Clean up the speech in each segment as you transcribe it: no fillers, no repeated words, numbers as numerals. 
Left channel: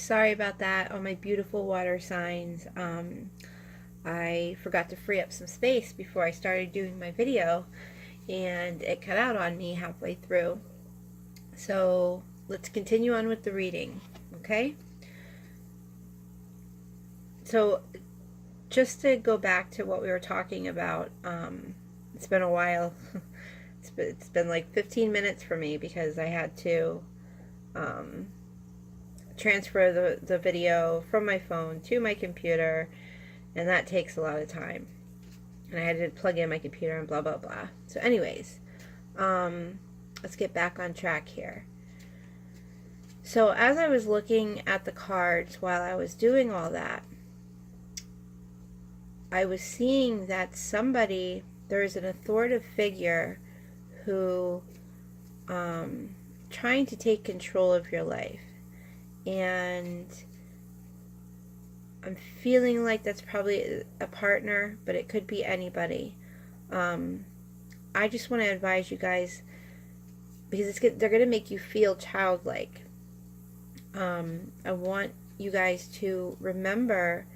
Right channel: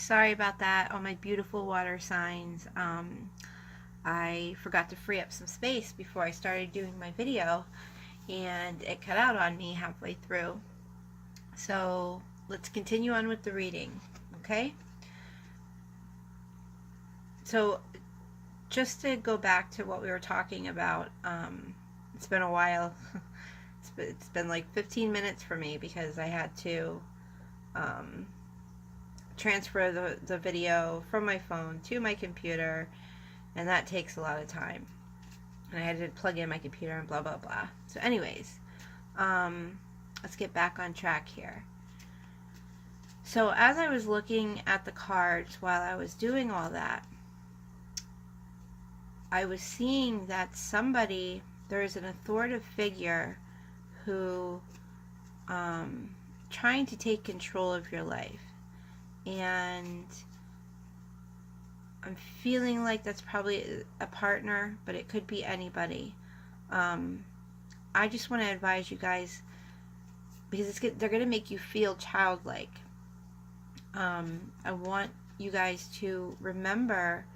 Sorry about that, all my beautiful water signs. I forgot to free up some space before I started doing my video, and it cut out on me halfway through. So let's continue on with the reading, okay? So just to go back to what we were talking about, it's been a while. It's been like 15 minutes for me because I had to transfer the video from my phone to my computer, and that takes a lot of time. And I had to plug in my computer and blah, blah, blah. So anyways, let's get back on track here. So as I was looking at the cards while I was doing all that, I was seeing that there is an authoritative figure who trying to take control of your life. And I'm feeling like that's probably a partner, but it could be anybody. I just want to advise you guys, because they're going to make you feel childlike. I want you guys to remember,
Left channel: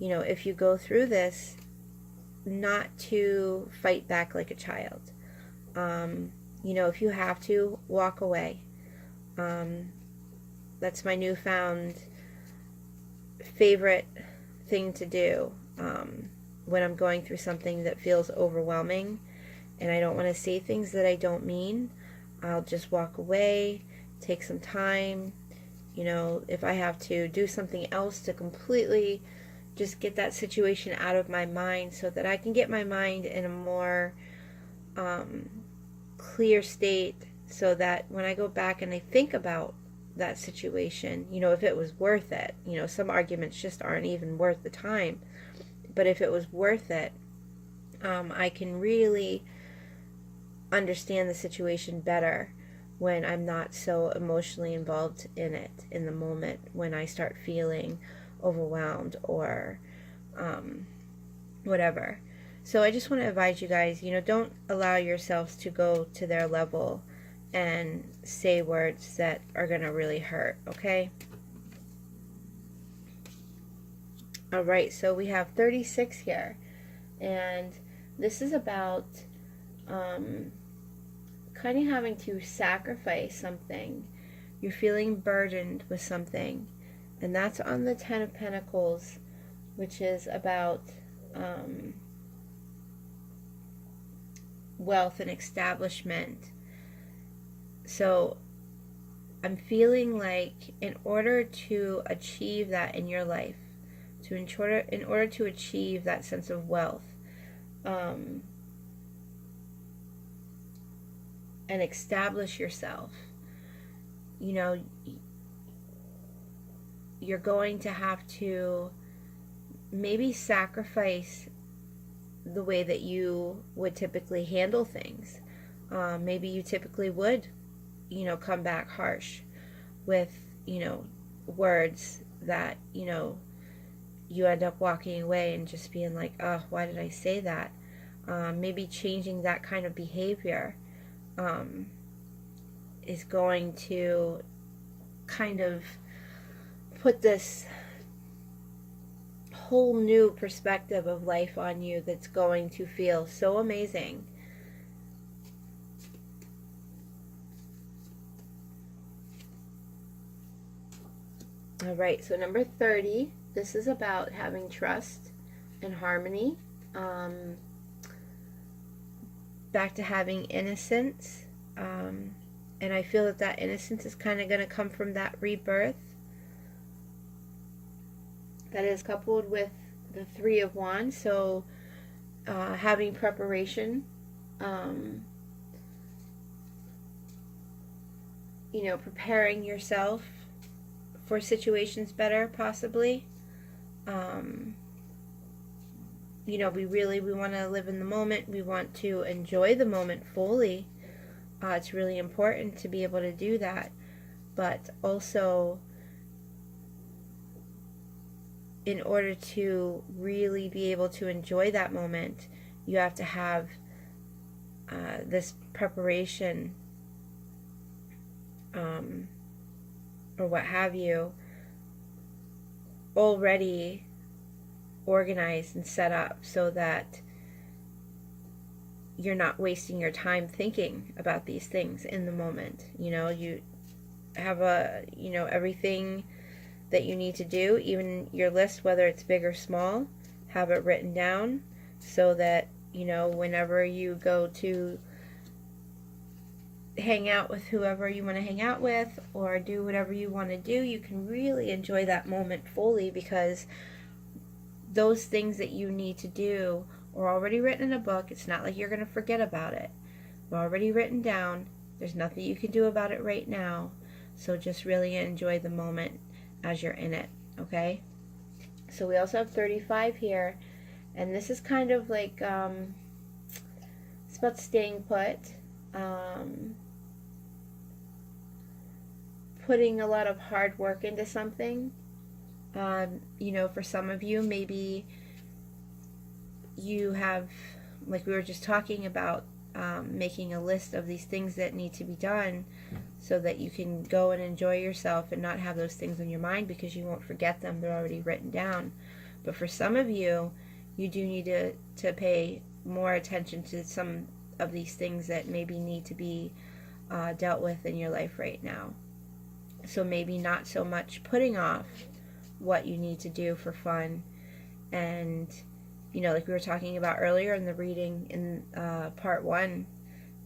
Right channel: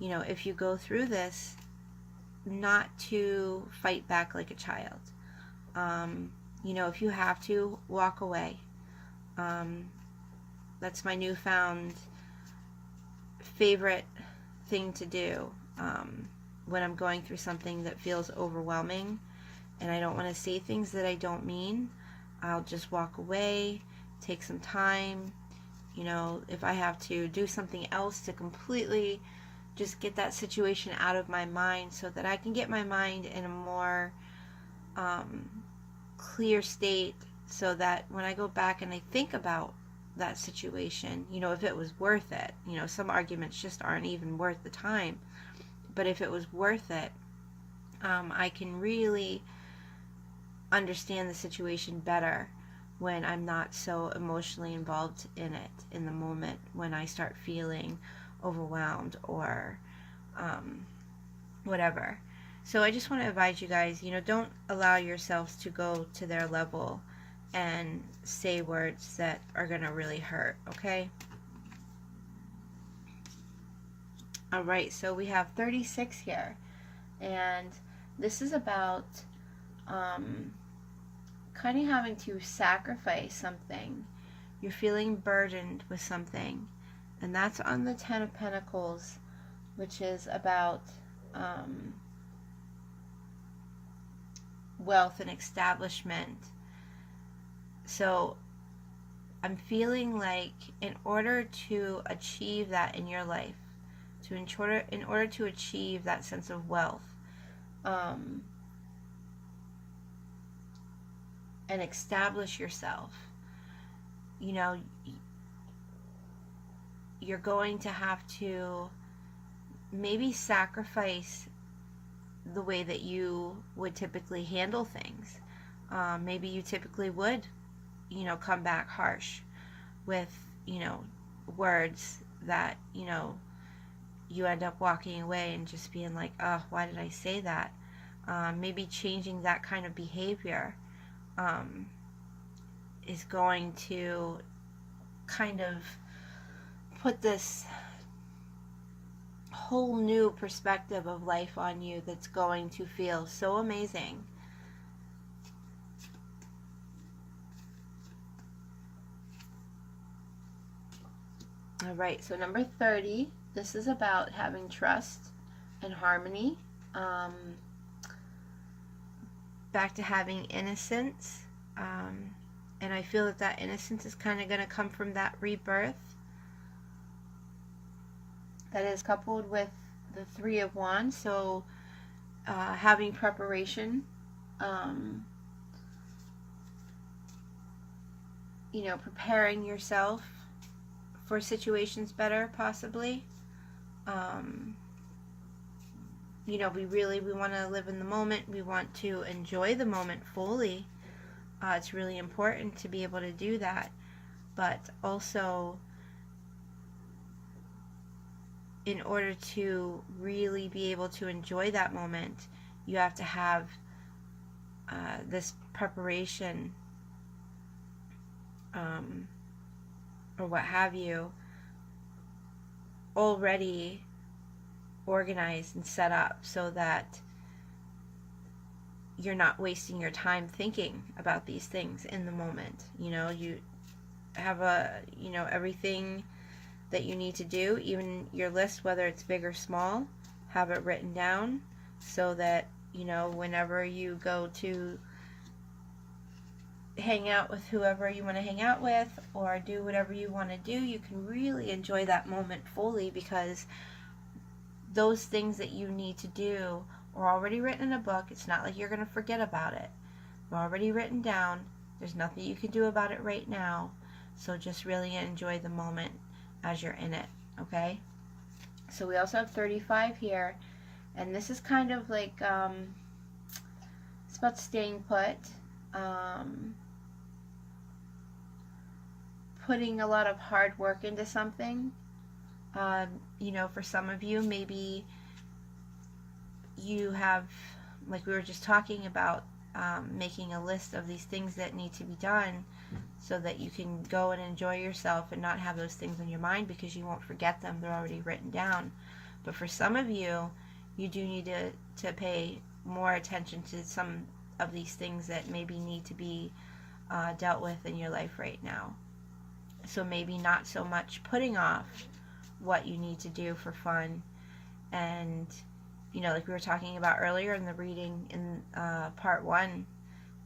if you go through this, not to fight back like a child. If you have to, walk away. That's my newfound favorite thing to do when I'm going through something that feels overwhelming and I don't want to say things that I don't mean. I'll just walk away, take some time. If I have to do something else to completely just get that situation out of my mind so that I can get my mind in a more clear state, so that when I go back and I think about that situation, if it was worth it. Some arguments just aren't even worth the time, but if it was worth it, I can really understand the situation better when I'm not so emotionally involved in it in the moment, when I start feeling overwhelmed or whatever. So I just want to advise you guys, don't allow yourselves to go to their level and say words that are going to really hurt, okay? All right, so we have 36 here, and this is about kind of having to sacrifice something. You're feeling burdened with something, and that's on the 10 of Pentacles, which is about wealth and establishment. So I'm feeling like in order to achieve that in your life, in order to achieve that sense of wealth, and establish yourself, you're going to have to maybe sacrifice the way that you would typically handle things. Maybe you typically would come back harsh with, words that, you end up walking away and just being like, oh, why did I say that? Maybe changing that kind of behavior is going to kind of put this whole new perspective of life on you that's going to feel so amazing. All right, so number 30, this is about having trust and harmony. Back to having innocence. And I feel that innocence is kind of going to come from that rebirth. That is coupled with the 3 of Wands. So having preparation. Preparing yourself for situations better, possibly. We want to live in the moment. We want to enjoy the moment fully. It's really important to be able to do that. But also, in order to really be able to enjoy that moment, you have to have this preparation, or what have you, already organized and set up so that you're not wasting your time thinking about these things in the moment. You know, you have everything that you need to do, even your list, whether it's big or small, have it written down so that, whenever you go to hang out with whoever you want to hang out with or do whatever you want to do, you can really enjoy that moment fully, because those things that you need to do are already written in a book. It's not like you're going to forget about it. They're already written down. There's nothing you can do about it right now. So just really enjoy the moment as you're in it, okay? So we also have 35 here, and this is kind of like, it's about staying put, putting a lot of hard work into something. For some of you, maybe you have, like we were just talking about, making a list of these things that need to be done so that you can go and enjoy yourself and not have those things in your mind, because you won't forget them. They're already written down. But for some of you, you do need to pay more attention to some of these things that maybe need to be dealt with in your life right now. So maybe not so much putting off what you need to do for fun, and like we were talking about earlier in the reading in part 1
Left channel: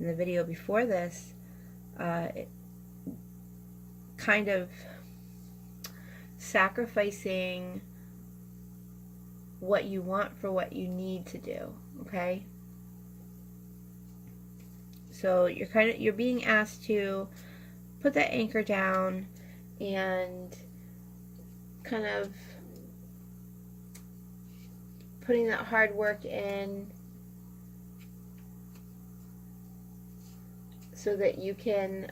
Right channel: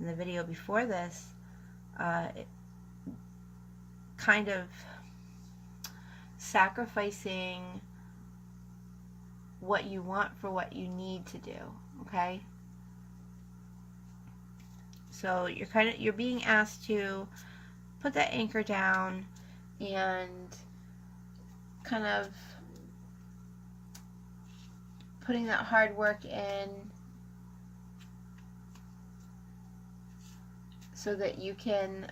in the video before this, kind of sacrificing what you want for what you need to do, okay? So you're being asked to put that anchor down and kind of putting that hard work in so that you can,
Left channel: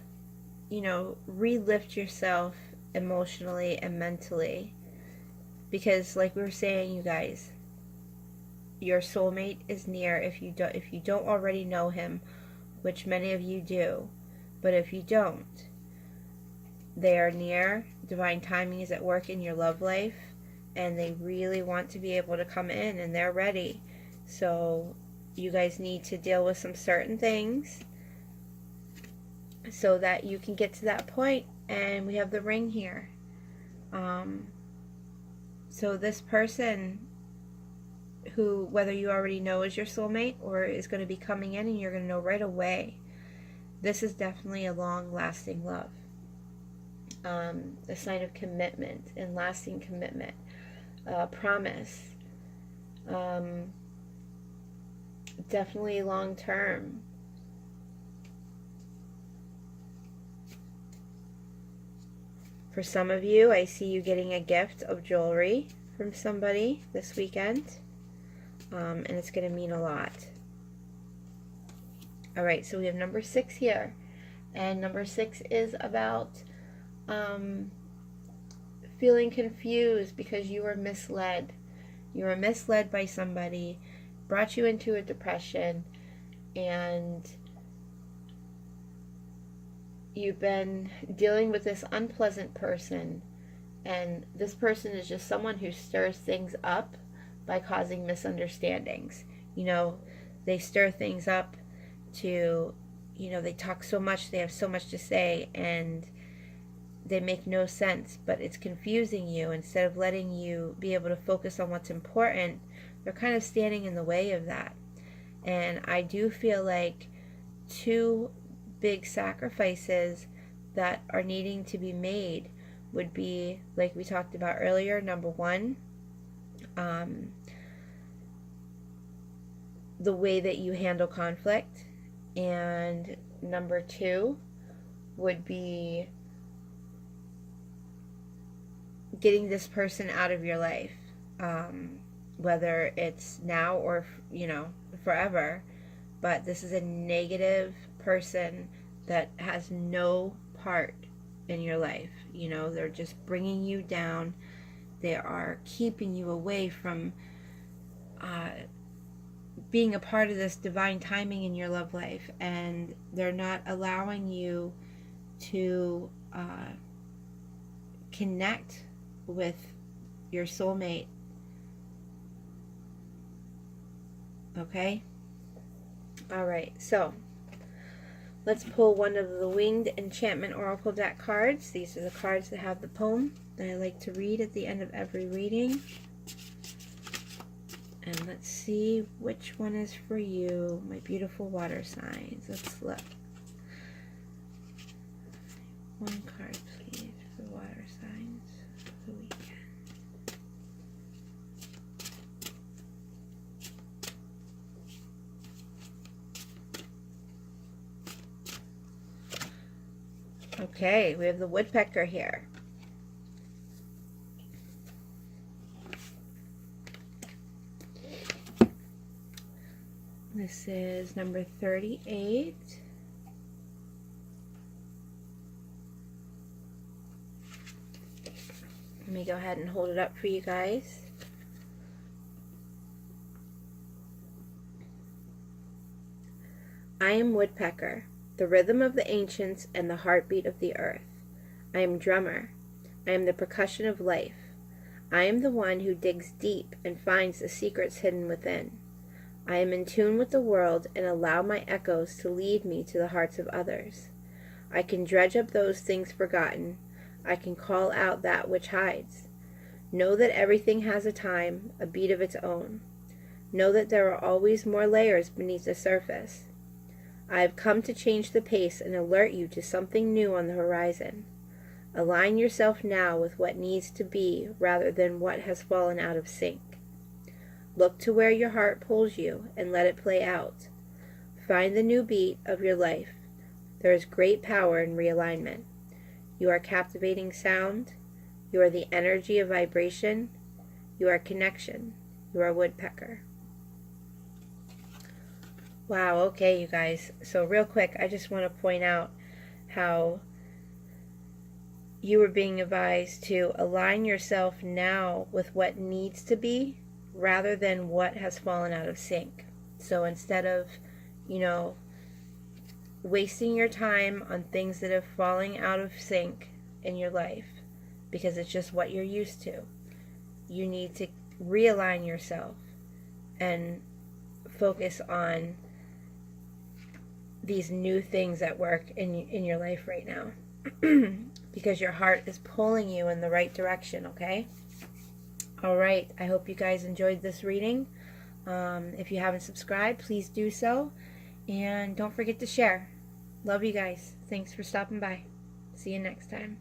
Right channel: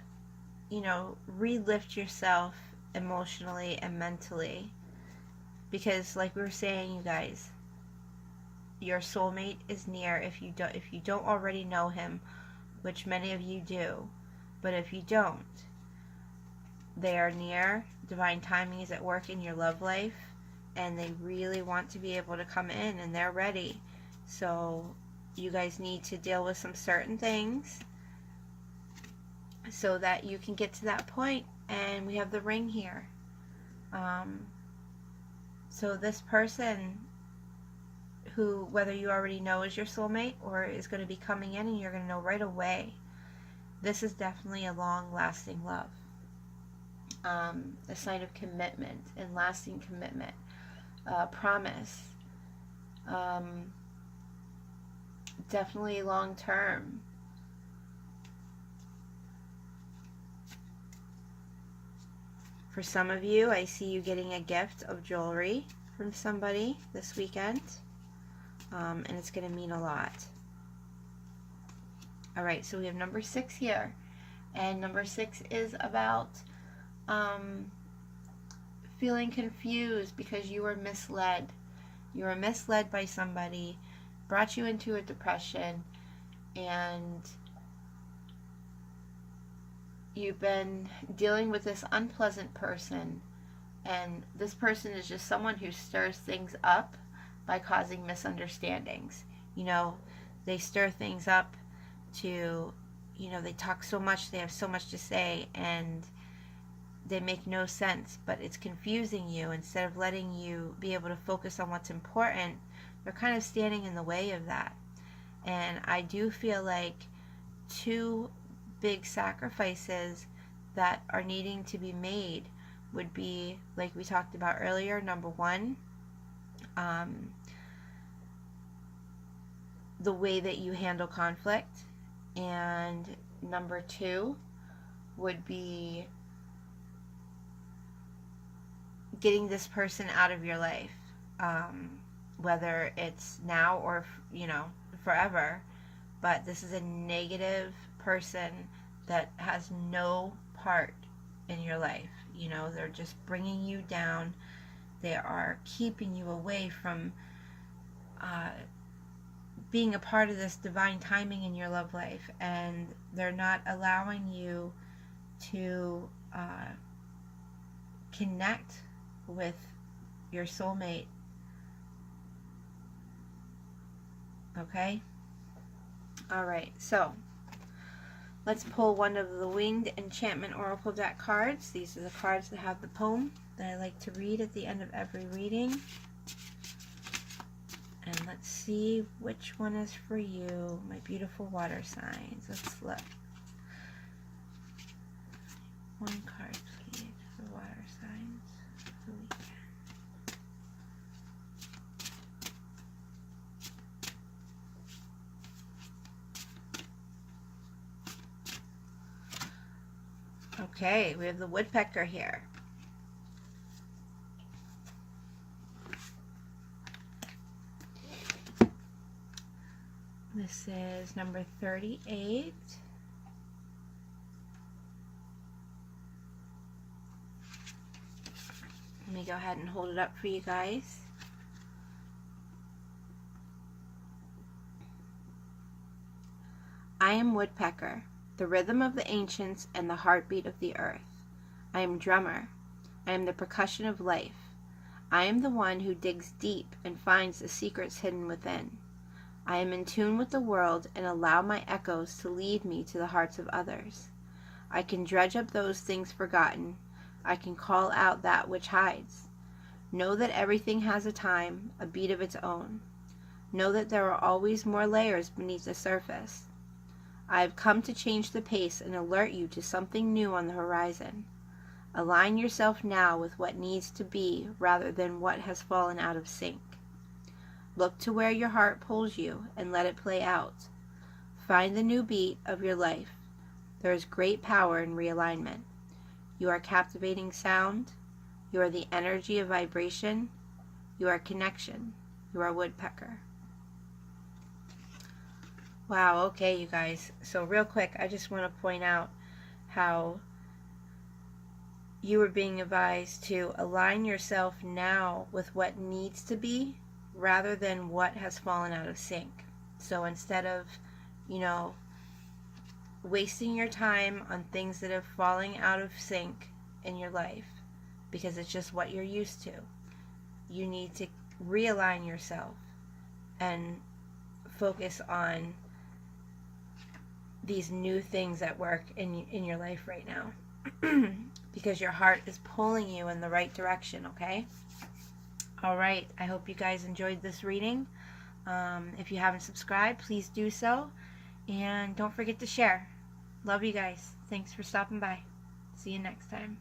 relift yourself emotionally and mentally. Because like we were saying, you guys, your soulmate is near if you don't already know him, which many of you do. But if you don't, they are near. Divine timing is at work in your love life, and they really want to be able to come in, and they're ready. So you guys need to deal with some certain things so that you can get to that point. And we have the ring here. So this person, who, whether you already know is your soulmate or is going to be coming in and you're going to know right away, this is definitely a long-lasting love. A sign of commitment and lasting commitment. Promise. Definitely long-term. For some of you, I see you getting a gift of jewelry from somebody this weekend, and it's going to mean a lot. Alright, so we have number 6 here, and number 6 is about feeling confused because you were misled. You were misled by somebody, brought you into a depression, and you've been dealing with this unpleasant person, and this person is just someone who stirs things up by causing misunderstandings. They stir things up to, they talk so much, they have so much to say, and they make no sense, but it's confusing you. Instead of letting you be able to focus on what's important, they're kind of standing in the way of that. And I do feel like 2 big sacrifices that are needing to be made would be, like we talked about earlier, number 1, the way that you handle conflict, and number 2 would be getting this person out of your life, whether it's now or forever. But this is a negative person that has no part in your life. They're just bringing you down. They are keeping you away from being a part of this divine timing in your love life, and they're not allowing you to connect with your soulmate. Okay? Alright, so let's pull one of the Winged Enchantment Oracle deck cards. These are the cards that have the poem that I like to read at the end of every reading. And let's see which one is for you, my beautiful water signs. Let's look. One card, please, for water signs for the weekend. Okay, we have the woodpecker here. This is number 38. Let me go ahead and hold it up for you guys. I am woodpecker, the rhythm of the ancients and the heartbeat of the earth. I am drummer. I am the percussion of life. I am the one who digs deep and finds the secrets hidden within. I am in tune with the world and allow my echoes to lead me to the hearts of others. I can dredge up those things forgotten. I can call out that which hides. Know that everything has a time, a beat of its own. Know that there are always more layers beneath the surface. I have come to change the pace and alert you to something new on the horizon. Align yourself now with what needs to be rather than what has fallen out of sync. Look to where your heart pulls you and let it play out. Find the new beat of your life. There is great power in realignment. You are captivating sound. You are the energy of vibration. You are connection. You are woodpecker. Wow, okay, you guys. So real quick, I just want to point out how you are being advised to align yourself now with what needs to be rather than what has fallen out of sync. So instead of, wasting your time on things that are falling out of sync in your life because it's just what you're used to, you need to realign yourself and focus on these new things that work in your life right now because your heart is pulling you in the right direction, okay? All right, I hope you guys enjoyed this reading. If you haven't subscribed, please do so. And don't forget to share. Love you guys. Thanks for stopping by. See you next time.